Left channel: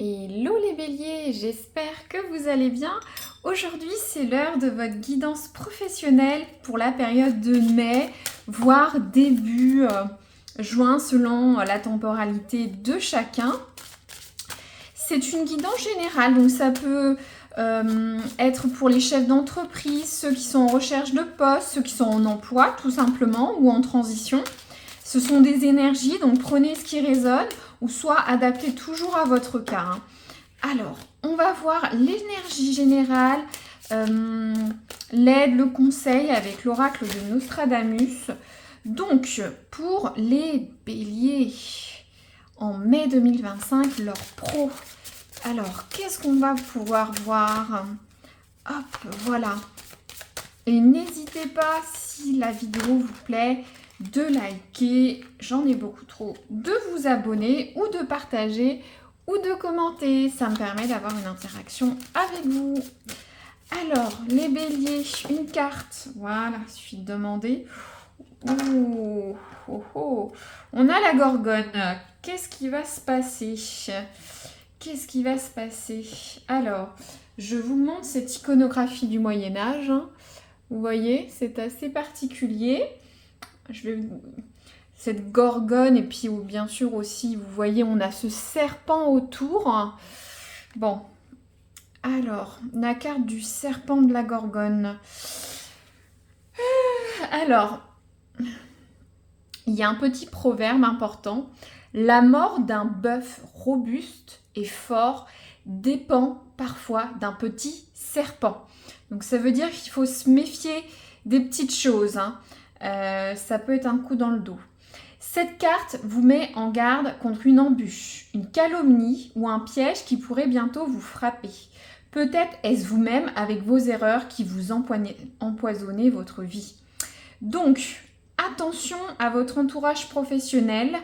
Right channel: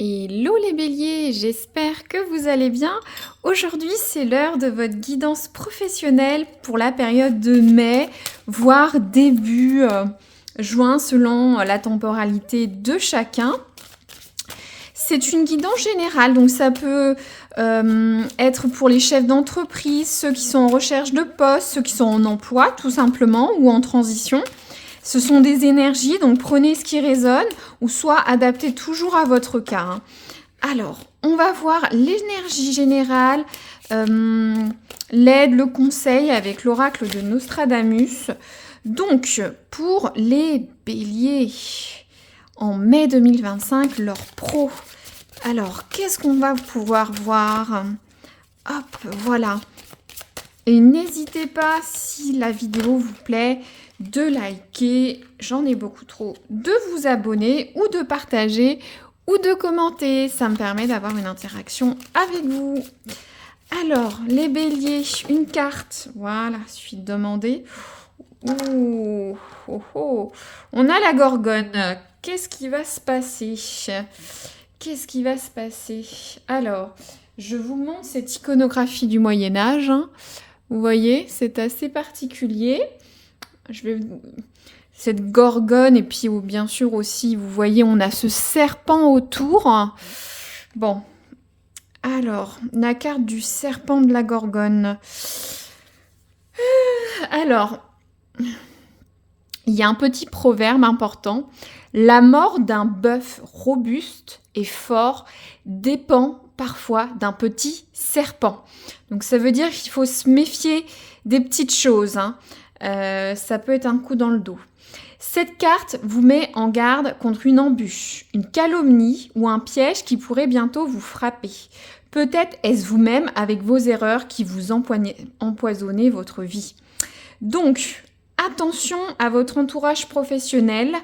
Hello les béliers, j'espère que vous allez bien. Aujourd'hui, c'est l'heure de votre guidance professionnelle pour la période de mai, voire début juin selon la temporalité de chacun. C'est une guidance générale, donc ça peut être pour les chefs d'entreprise, ceux qui sont en recherche de poste, ceux qui sont en emploi tout simplement ou en transition. Ce sont des énergies, donc prenez ce qui résonne ou soit adaptez toujours à votre cas. Alors, on va voir l'énergie générale, l'aide, le conseil avec l'oracle de Nostradamus. Donc, pour les béliers, en mai 2025, leur pro. Alors, qu'est-ce qu'on va pouvoir voir? Hop, voilà. Et n'hésitez pas, si la vidéo vous plaît, de liker, j'en ai beaucoup trop, de vous abonner ou de partager ou de commenter. Ça me permet d'avoir une interaction avec vous. Alors, les béliers, une carte. Voilà, il suffit de demander. Ouh, oh, oh. On a la gorgone. Qu'est-ce qui va se passer? Qu'est-ce qui va se passer? Alors, je vous montre cette iconographie du Moyen-Âge. Vous voyez, c'est assez particulier. Cette gorgone, et puis bien sûr aussi, vous voyez, on a ce serpent autour. Bon, alors, la carte du serpent de la gorgone. Alors, il y a un petit proverbe important. La mort d'un bœuf robuste et fort dépend parfois d'un petit serpent. Donc ça veut dire qu'il faut se méfier des petites choses. Ça peut être un coup dans le dos. Cette carte vous met en garde contre une embûche, une calomnie ou un piège qui pourrait bientôt vous frapper. Peut-être est-ce vous-même avec vos erreurs qui vous empoisonnez votre vie. Donc, attention à votre entourage professionnel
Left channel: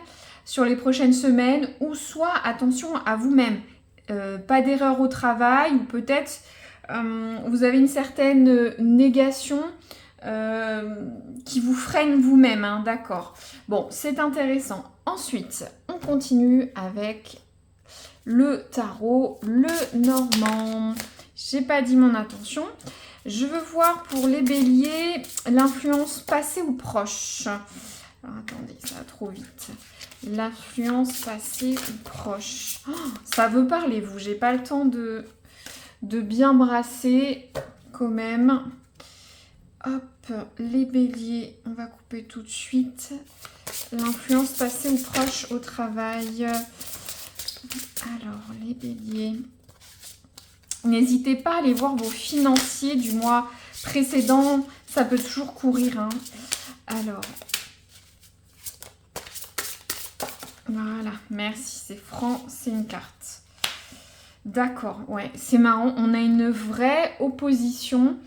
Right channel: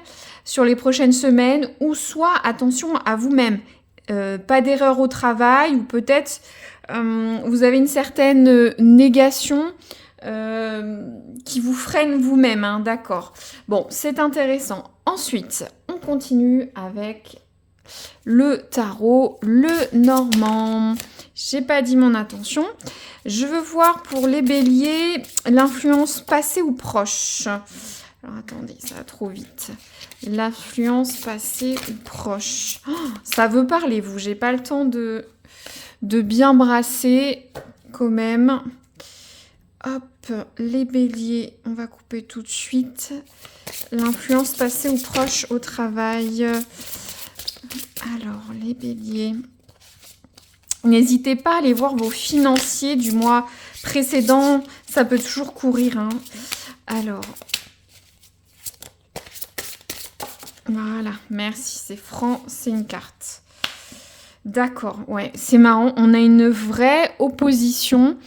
sur les prochaines semaines ou soit attention à vous-même. Pas d'erreur au travail ou peut-être vous avez une certaine négation qui vous freine vous-même, d'accord. Bon, c'est intéressant. Ensuite, on continue avec le tarot, le normand. J'ai pas dit mon intention. Je veux voir pour les béliers l'influence passée ou proche. Alors attendez, ça va trop vite. L'influence passée ou proche. Oh, ça veut parler, vous. J'ai pas le temps de bien brasser quand même. Hop, les béliers, on va couper tout de suite. L'influence passée ou proche au travail. Alors, les béliers. N'hésitez pas à aller voir vos financiers du mois précédent. Ça peut toujours courir. Alors, voilà, merci. C'est franc, c'est une carte. D'accord, ouais, c'est marrant. On a une vraie opposition.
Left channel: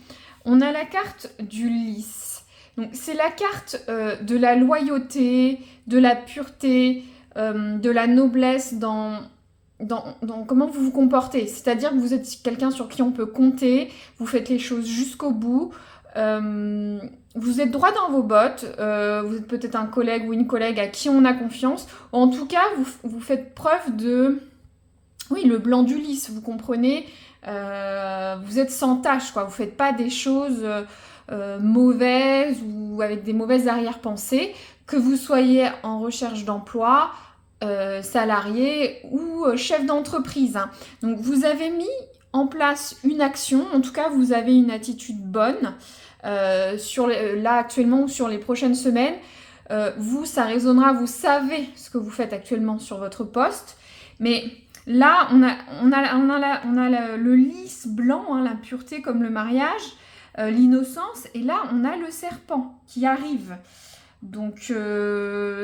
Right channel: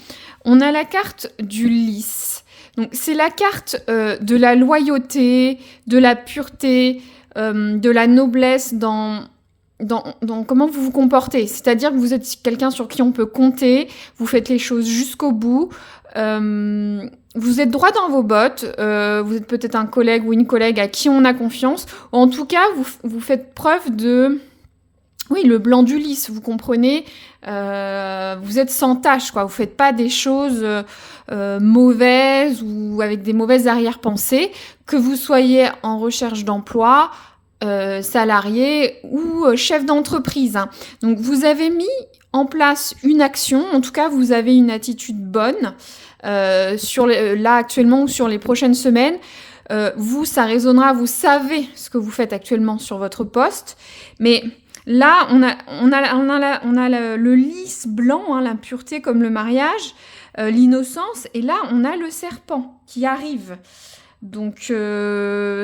On a la carte du lys. Donc, c'est la carte de la loyauté, de la pureté, de la noblesse dans comment vous vous comportez. C'est-à-dire que vous êtes quelqu'un sur qui on peut compter, vous faites les choses jusqu'au bout, vous êtes droit dans vos bottes, vous êtes peut-être un collègue ou une collègue à qui on a confiance. En tout cas, vous faites preuve de... Oui, le blanc du lys, vous comprenez, vous êtes sans tâche, quoi. Vous faites pas des choses mauvaises ou avec des mauvaises arrière-pensées, que vous soyez en recherche d'emploi, salarié ou chef d'entreprise. Donc vous avez mis en place une action, en tout cas vous avez une attitude bonne là actuellement ou sur les prochaines semaines. Vous, ça résonnera, vous savez ce que vous faites actuellement sur votre poste, mais... Là, on a le lys blanc, la pureté comme le mariage, l'innocence, et là, on a le serpent qui arrive. Donc,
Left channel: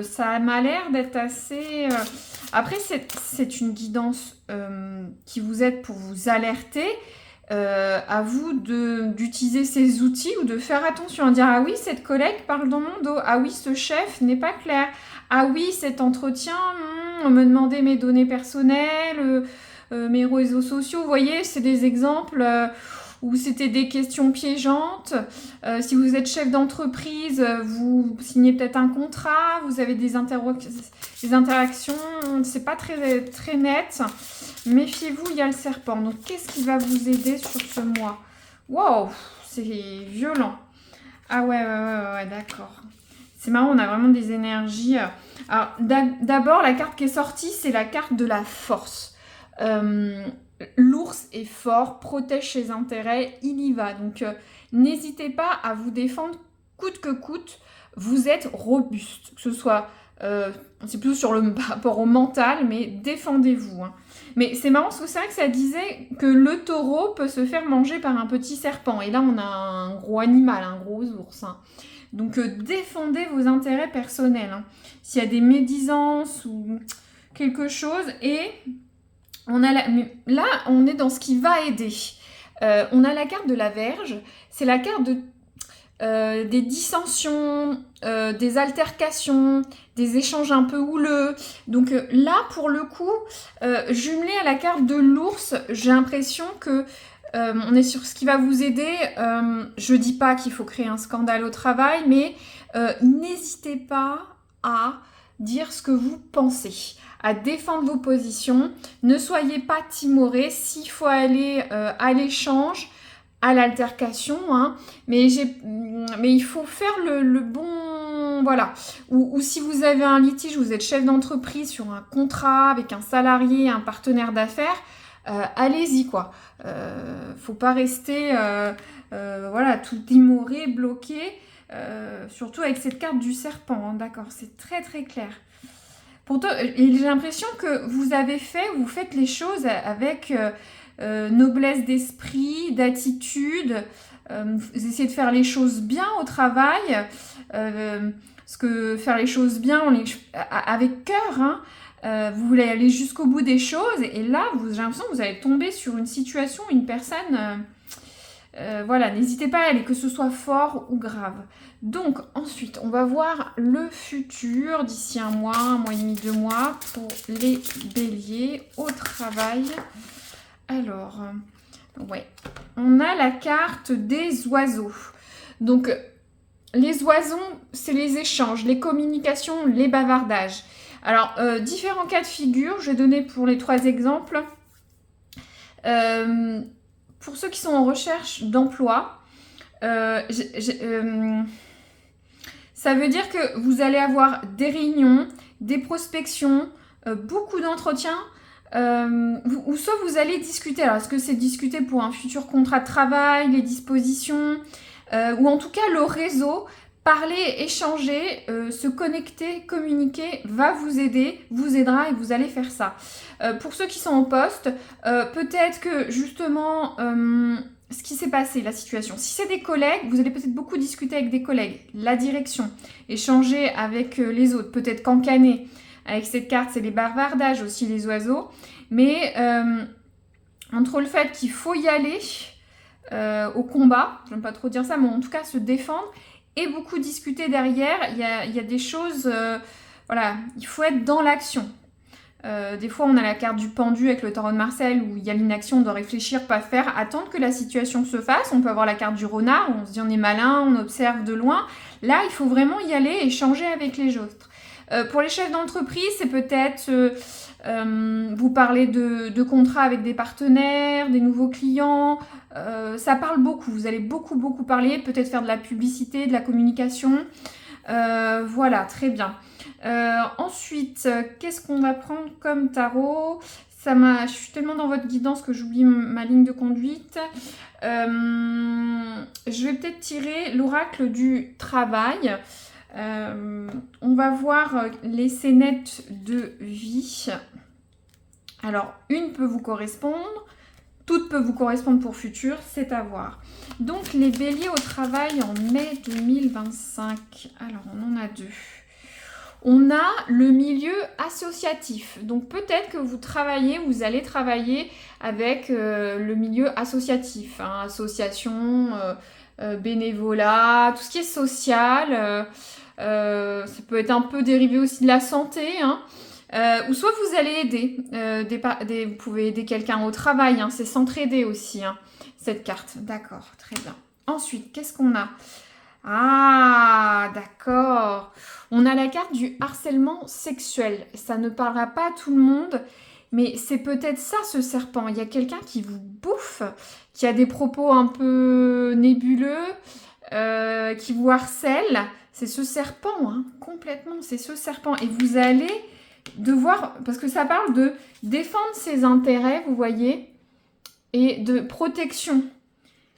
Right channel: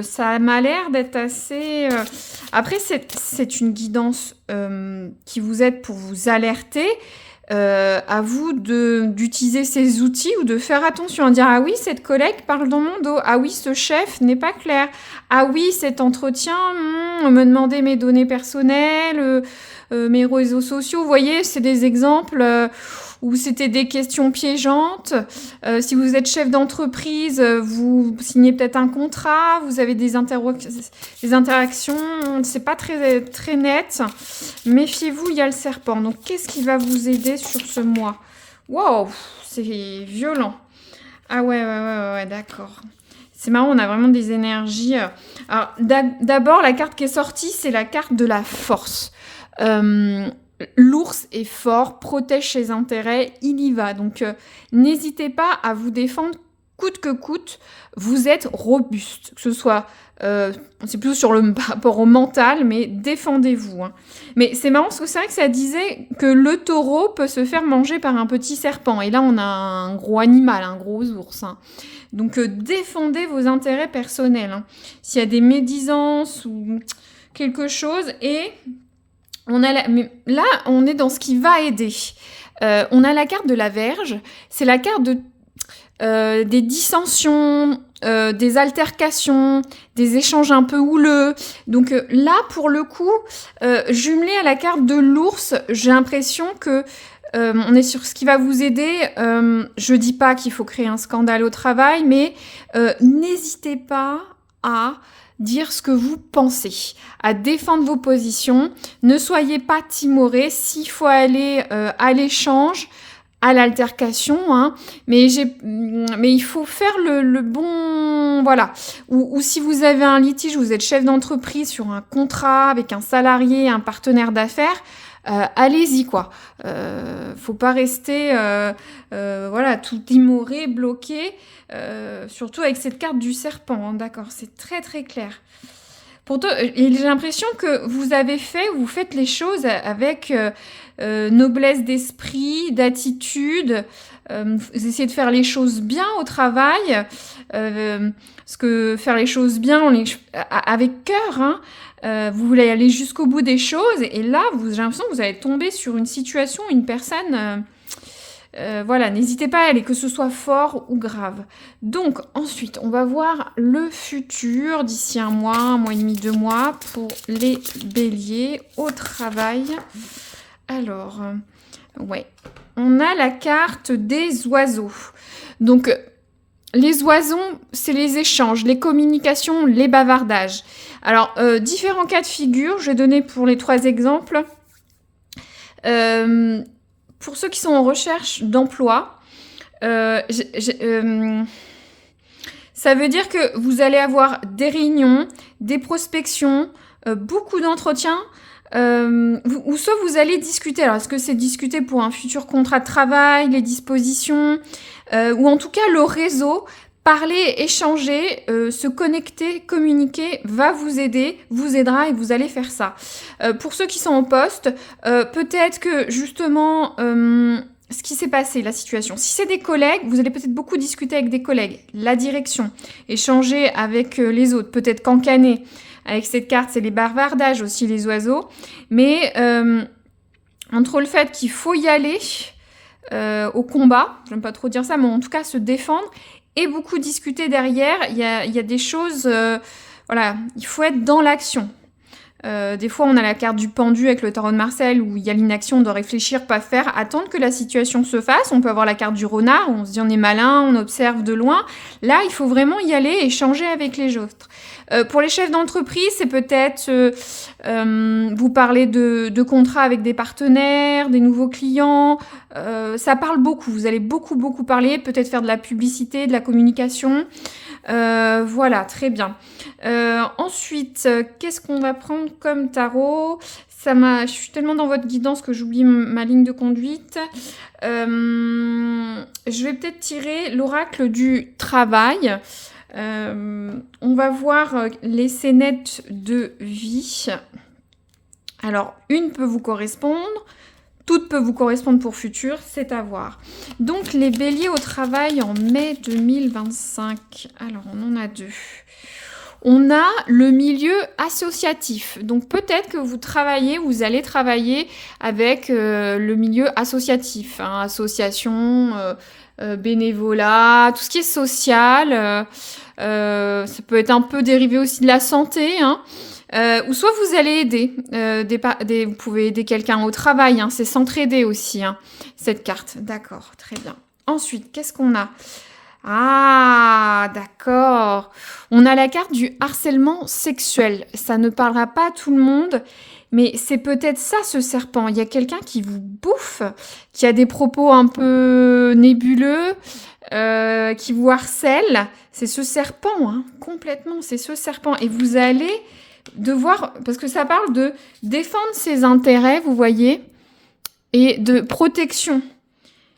ça m'a l'air d'être assez... Après, c'est une guidance qui vous aide pour vous alerter. À vous d'utiliser ces outils ou de faire attention, à dire ah oui, cette collègue parle dans mon dos, ah oui, ce chef n'est pas clair, ah oui, cet entretien, on me demandait mes données personnelles, mes réseaux sociaux. Vous voyez, c'est des exemples ou c'était des questions piégeantes. Si vous êtes chef d'entreprise, vous signez peut-être un contrat, vous avez des interactions, c'est pas très, très net. Méfiez-vous, il y a le serpent. Donc, qu'est-ce qui va vous aider sur ce mois? Wow, c'est violent. Ah ouais, d'accord. C'est marrant, on a vraiment des énergies. Alors, d'abord, la carte qui est sortie, c'est la carte de la force. L'ours est fort, protège ses intérêts, il y va. Donc, n'hésitez pas à vous défendre coûte que coûte. Vous êtes robuste, que ce soit... c'est plutôt par rapport au mental, mais défendez-vous. Hein. Mais c'est marrant parce que c'est vrai que ça disait que le taureau peut se faire manger par un petit serpent. Et là, on a un gros animal, un gros ours. Hein. Donc, défendez vos intérêts personnels. Hein. S'il y a des médisances ou quelque chose. Et mais là, on est dans ce qui va aider. On a la carte de la Vierge. C'est la carte des dissensions, des altercations, des échanges un peu houleux. Donc là, pour le coup, jumelé à la carte de l'ours, j'ai l'impression que on est sur ce qui va vous aider. Je dis pas qu'il faut créer un scandale au travail, mais n'hésitez pas à dire ce que vous pensez, à défendre vos positions. Ne soyez pas timorés. S'il faut aller à l'échange, à l'altercation, hein, mais il faut faire le bon... Voilà. Ou si vous avez un litige, vous êtes chef d'entreprise sur un contrat avec un salarié, un partenaire d'affaires, allez-y, quoi. Faut pas rester voilà, tout timoré, bloqué, surtout avec cette carte du serpent, hein, d'accord, c'est très très clair. Pourtant, j'ai l'impression que vous faites les choses avec noblesse d'esprit, d'attitude. Vous essayez de faire les choses bien au travail, parce que faire les choses bien avec cœur, hein, vous voulez aller jusqu'au bout des choses, et là, j'ai l'impression que vous allez tomber sur une situation, une personne... voilà, n'hésitez pas à aller, que ce soit fort ou grave. Donc, ensuite, on va voir le futur d'ici un mois et demi, 2 mois pour les béliers au travail. Alors, ouais, on a la carte des oiseaux. Donc, les oiseaux, c'est les échanges, les communications, les bavardages. Alors, différents cas de figure, je vais donner pour les 3 exemples. Pour ceux qui sont en recherche d'emploi, ça veut dire que vous allez avoir des réunions, des prospections, beaucoup d'entretiens, ou soit vous allez discuter. Alors, est-ce que c'est discuter pour un futur contrat de travail, les dispositions, ou en tout cas le réseau, parler, échanger, se connecter, communiquer va vous aider, vous aidera et vous allez faire ça. Pour ceux qui sont en poste, peut-être que justement, ce qui s'est passé, la situation, si c'est des collègues, vous allez peut-être beaucoup discuter avec des collègues, la direction, échanger avec les autres, peut-être cancaner. Avec cette carte, c'est les bavardages aussi, les oiseaux. Mais entre le fait qu'il faut y aller au combat, je n'aime pas trop dire ça, mais en tout cas se défendre, et beaucoup discuter derrière, il y a des choses... voilà, il faut être dans l'action. Des fois, on a la carte du pendu avec le tarot de Marseille où il y a l'inaction de réfléchir, pas faire, attendre que la situation se fasse. On peut avoir la carte du renard où on se dit on est malin, on observe de loin. Là, il faut vraiment y aller et échanger avec les autres. Pour les chefs d'entreprise, c'est peut-être vous parler de contrats avec des partenaires, des nouveaux clients. Ça parle beaucoup. Vous allez beaucoup parler, peut-être faire de la publicité, de la communication. Voilà, très bien. Ensuite, qu'est-ce qu'on va prendre comme tarot? Je suis tellement dans votre guidance que j'oublie ma ligne de conduite. Je vais peut-être tirer l'oracle du travail. On va voir les scénettes de vie. Alors, une peut vous correspondre. Toutes peuvent vous correspondre pour futur, c'est à voir. Donc, les béliers au travail en mai 2025. Alors, on en a 2. On a le milieu associatif. Donc, peut-être que vous allez travailler avec le milieu associatif. Hein, association, bénévolat, tout ce qui est social. Ça peut être un peu dérivé aussi de la santé, hein. Ou soit vous allez aider. Vous pouvez aider quelqu'un au travail. Hein, c'est s'entraider aussi, hein, cette carte. D'accord, très bien. Ensuite, qu'est-ce qu'on a? Ah, d'accord. On a la carte du harcèlement sexuel. Ça ne parlera pas à tout le monde, mais c'est peut-être ça, ce serpent. Il y a quelqu'un qui vous bouffe, qui a des propos un peu nébuleux, qui vous harcèle. C'est ce serpent, hein, complètement, c'est ce serpent. Et vous allez devoir, parce que ça parle de défendre ses intérêts, vous voyez, et de protection.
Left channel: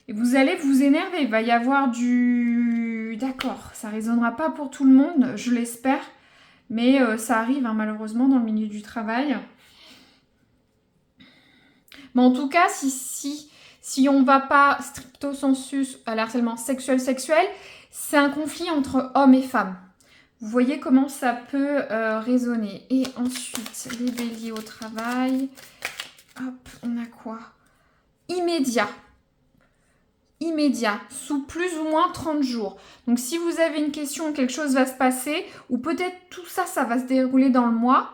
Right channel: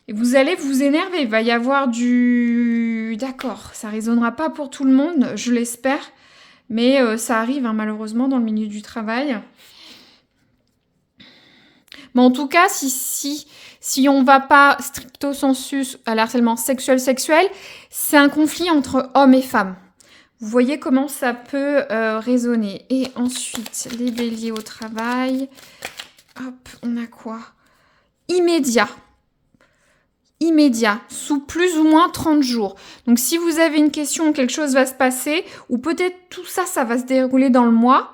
Et vous allez vous énerver, il va y avoir du... D'accord, ça résonnera pas pour tout le monde, je l'espère, mais ça arrive hein, malheureusement dans le milieu du travail. Mais en tout cas, si on ne va pas stricto sensus à l'harcèlement sexuel, c'est un conflit entre hommes et femmes. Vous voyez comment ça peut résonner. Et ensuite, les béliers au travail. Hop, on a quoi? Immédiat, sous plus ou moins 30 jours. Donc, si vous avez une question, quelque chose va se passer, ou peut-être tout ça, ça va se dérouler dans le mois,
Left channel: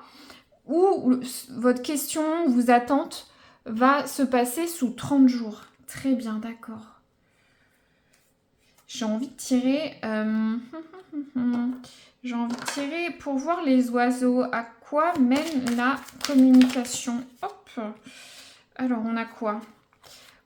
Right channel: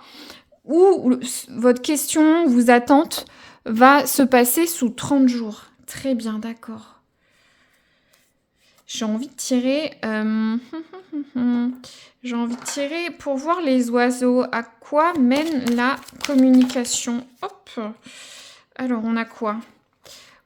ou votre question, vos attentes, va se passer sous 30 jours. Très bien, d'accord. J'ai envie de tirer... J'ai envie de tirer pour voir les oiseaux. À quoi mène la communication? Hop. Alors, on a quoi?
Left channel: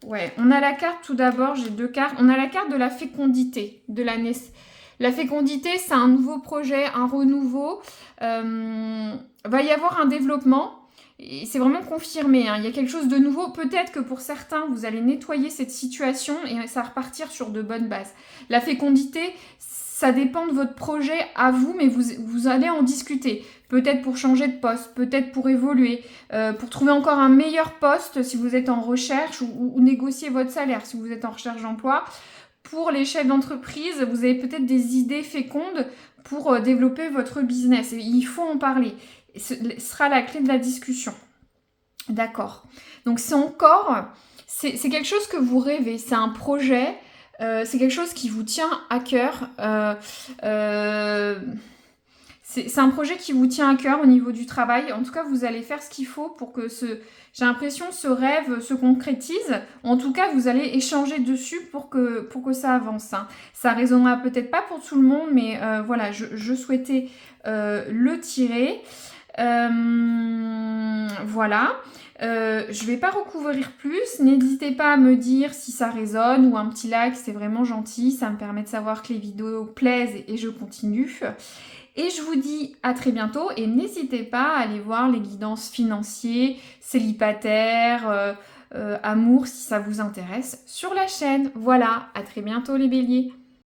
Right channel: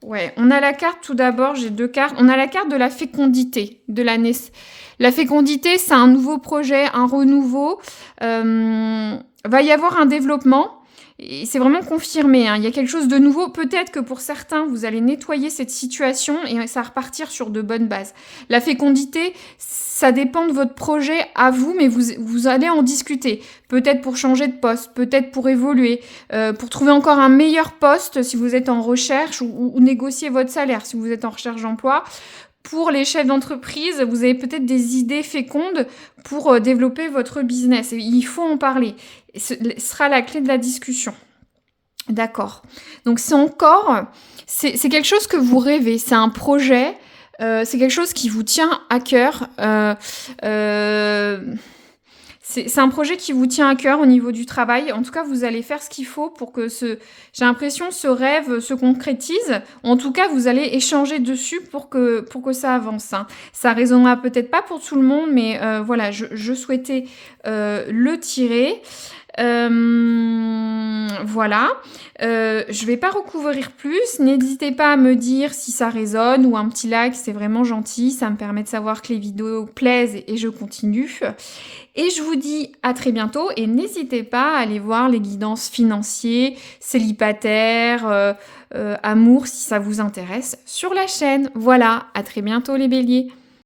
Ouais, on a la carte tout d'abord, j'ai 2 cartes. On a la carte de la fécondité, de la naissance. La fécondité, c'est un nouveau projet, un renouveau. Va y avoir un développement. Et c'est vraiment confirmé, hein. Il y a quelque chose de nouveau. Peut-être que pour certains, vous allez nettoyer cette situation et ça va repartir sur de bonnes bases. La fécondité, ça dépend de votre projet à vous, mais vous allez en discuter. Peut-être pour changer de poste, peut-être pour évoluer, pour trouver encore un meilleur poste si vous êtes en recherche ou négocier votre salaire si vous êtes en recherche d'emploi. Pour les chefs d'entreprise, vous avez peut-être des idées fécondes pour développer votre business. Et il faut en parler. Ce sera la clé de la discussion. D'accord. Donc c'est quelque chose que vous rêvez. C'est un projet. C'est quelque chose qui vous tient à cœur. C'est un projet qui vous tient à cœur au niveau du travail. En tout cas, vous allez faire ce qu'il faut pour que j'ai l'impression, ce rêve se concrétise. En tout cas, vous allez échanger dessus pour que ça avance. Hein. Ça résonnera peut-être pas pour tout le monde, mais voilà, je souhaitais le tirer. Voilà. Je vais pas recouvrir plus. N'hésitez pas à me dire si ça résonne ou un petit like, c'est vraiment gentil. Ça me permet de savoir que les vidéos plaisent et je continue. Et je vous dis à très bientôt et n'hésitez pas à aller voir les guidances financiers, célibataires, amour si ça vous intéresse sur la chaîne. Voilà, à très bientôt les béliers.